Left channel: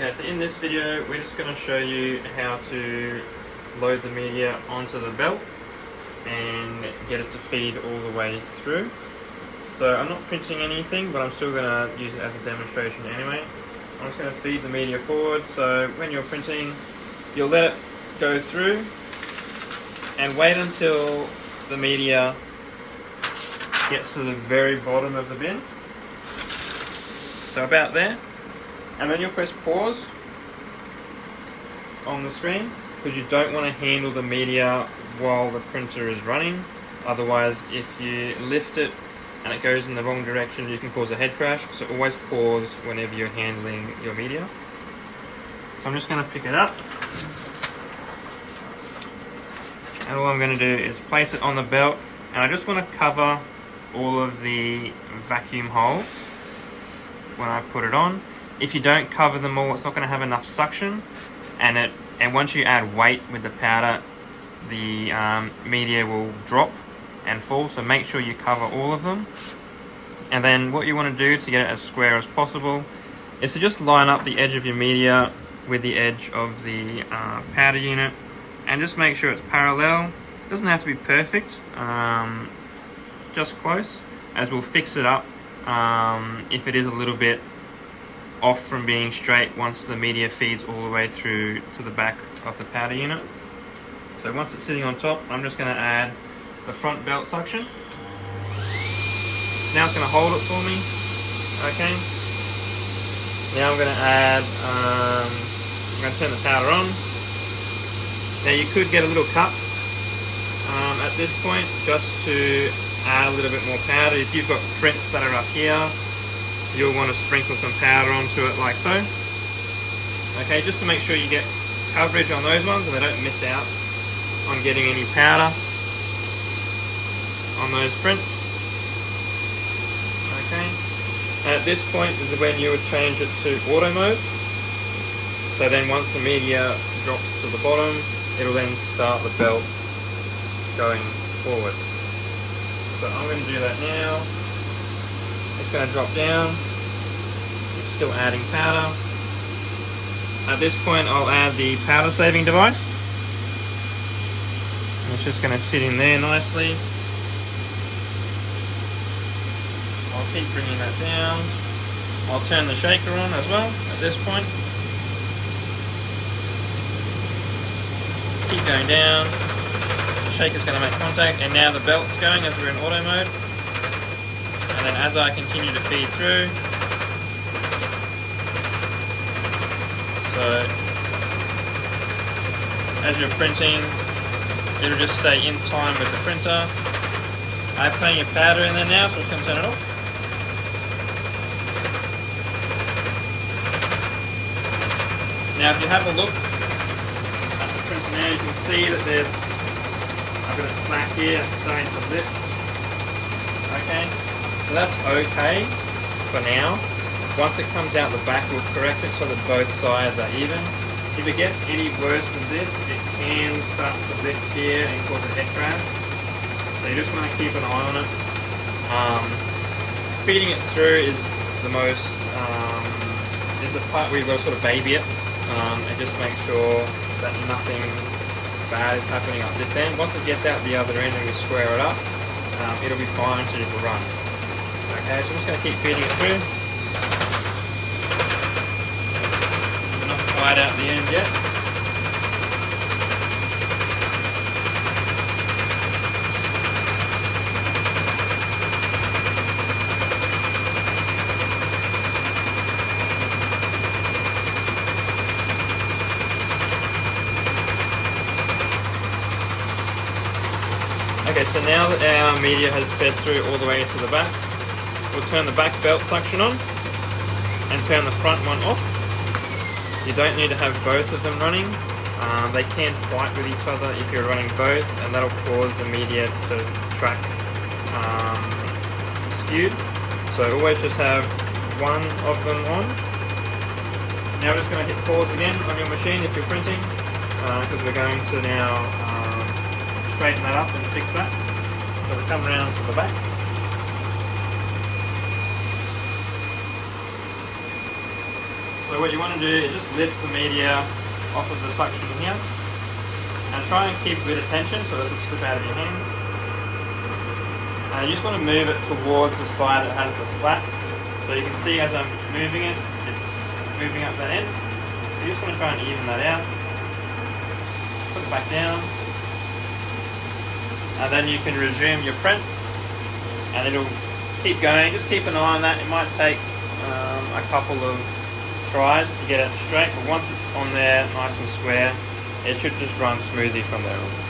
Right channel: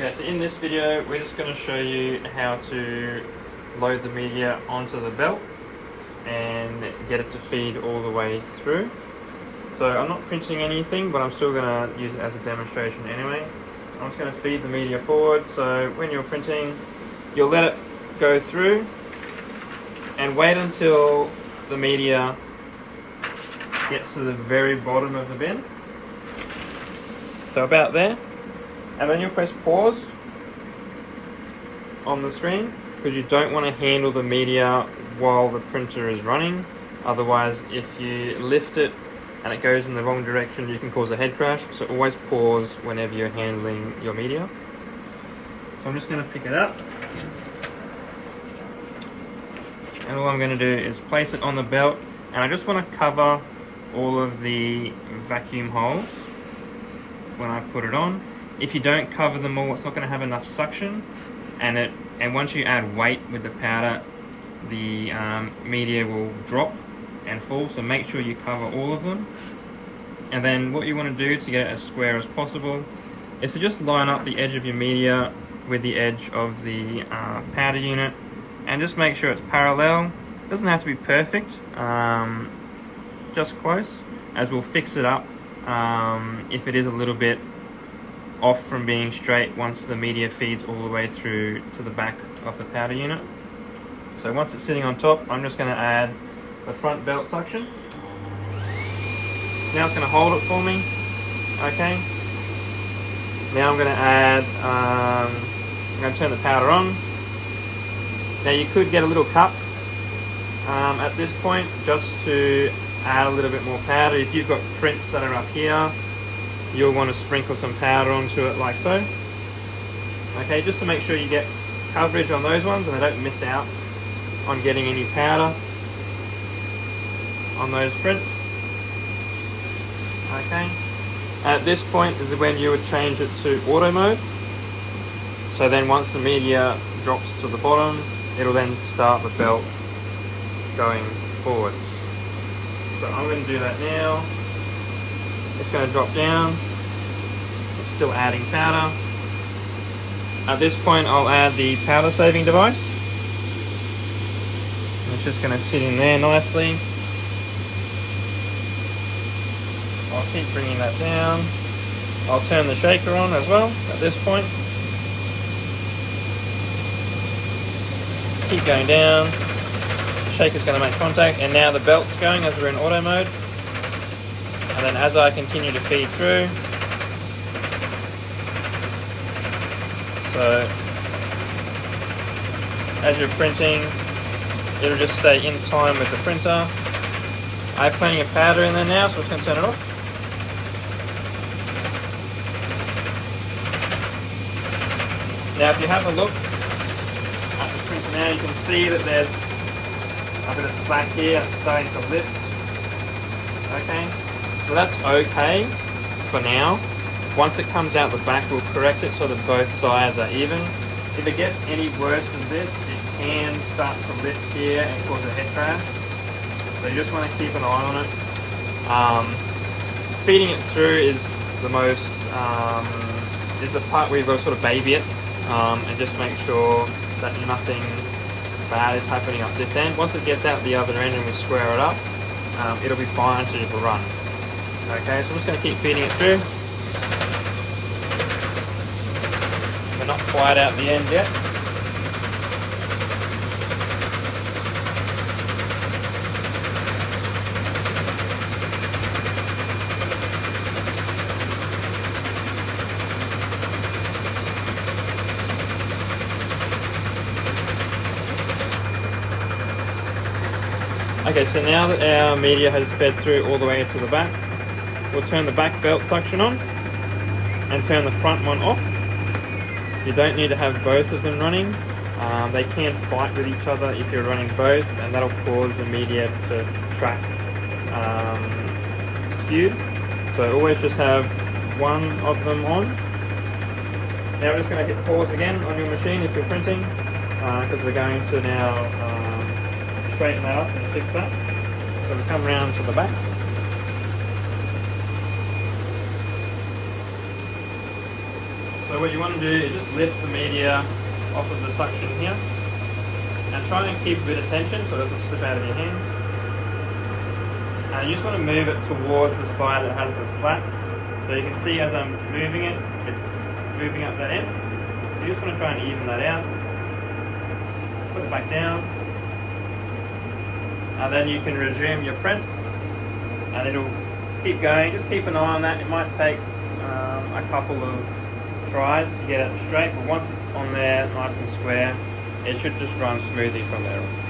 Okay, so in this video we're just going to show you how to load the media onto the belt and get it to feed all the way through. So I'm not printing anything, but I'm still going to use it as a demonstration anyway. I'm just going to feed the media forward, so when you're printing you'll let it go through and wait until the media gets to the very bottom of the bin, so about there, and then you'll press pause on the screen because you don't want to handle the media while the printer is running. Otherwise, if you lift it and it goes in the wrong direction, you can cause a head crash. So always pause whenever you're handling your media. So I'm just going to pick it up, and all I'm going to do is place it on the belt, and I just want to cover all of the vacuum holes when I put it on. If you don't cover them all, it's not going to have enough suction, and once you add weight with the powder, the media will drop and fall, so make sure you cover all of them. And then what you want to do to get it as square as possible is to just line up the edge of your media with the edge of the powder unit, and just make sure it's parallel. It doesn't have to be perfect, just close, as we'll fix it up if it is a little bit off from being straight once the media feeds all the way through to the back of the powder unit. So once it's sitting on top, I'm just going to add the front belt suction. Now it's going to hold it for me. Okay. Now I'm going to add, I'm going to turn the powder on. Now you could get a little cup at this point just to add a little bit more powder. If you've got prints that are up here, you'll want to sprinkle some powder onto it like so. Okay, just to make sure you get coverage on those ones and they don't miss out on getting any powder on those prints. Okay, at this point is when you would change it to auto mode. So then once the media drops to the bottom, it'll then start the belt going forwards. So I'm going to do that now. It's going to drop down. It's still adding powder. At this point I'll add the powder saving device. It's just going to sit in there nicely. I'll keep bringing that down. I'll turn the shaker on as well at this point. Keep going down. The shaker's going to make contact, and now the belt's going as we're in auto mode. And then as I continue to feed through, so as you're printing, it'll just stay in time with the printer. I have plenty of powder in there now, so I'm just going to turn it off. Now if you have a look at the printer now, you can see that there's a bit of slack here, and it's starting to lift. Okay. So that's okay for now. Once it comes out the back, we'll correct it so that both sides are even. If it gets any worse than this, it can start to lift here and cause a head crash. So you just want to keep an eye on it. Feeding it through is the most, is the part where you've got to sort of baby it and just make sure that nothing bad is happening up this end. Once it gets out the other end and we square it up, it'll be fine to run. Okay, so I'm just going to keep feeding it through. We're not quite out the end yet. Okay, so now that our media has fed through all the way to the back, we'll turn the back belt suction on and turn the front one off. You don't need to have both of them running. They can fight with each other if you're running both, and that'll cause the media to track skewed. So always just have one of them on. Now we're just going to hit pause again on your machine if you're printing, because we're going to now straighten that up and fix that. So we'll come around to the back. So So what you want to do is just lift the media off of the suction here and try and keep a bit of tension so it doesn't slip out of your hands. And you just want to move it towards the side that has the slat. So you can see as I'm moving it, it's moving up that end. So you just want to try and even that out. Put it back down. And then you can resume your print. And it'll keep going. Just keep an eye on that. It might take a couple of tries to get it straight. But once it's on there, nice and square, it should just run smoothly from there on.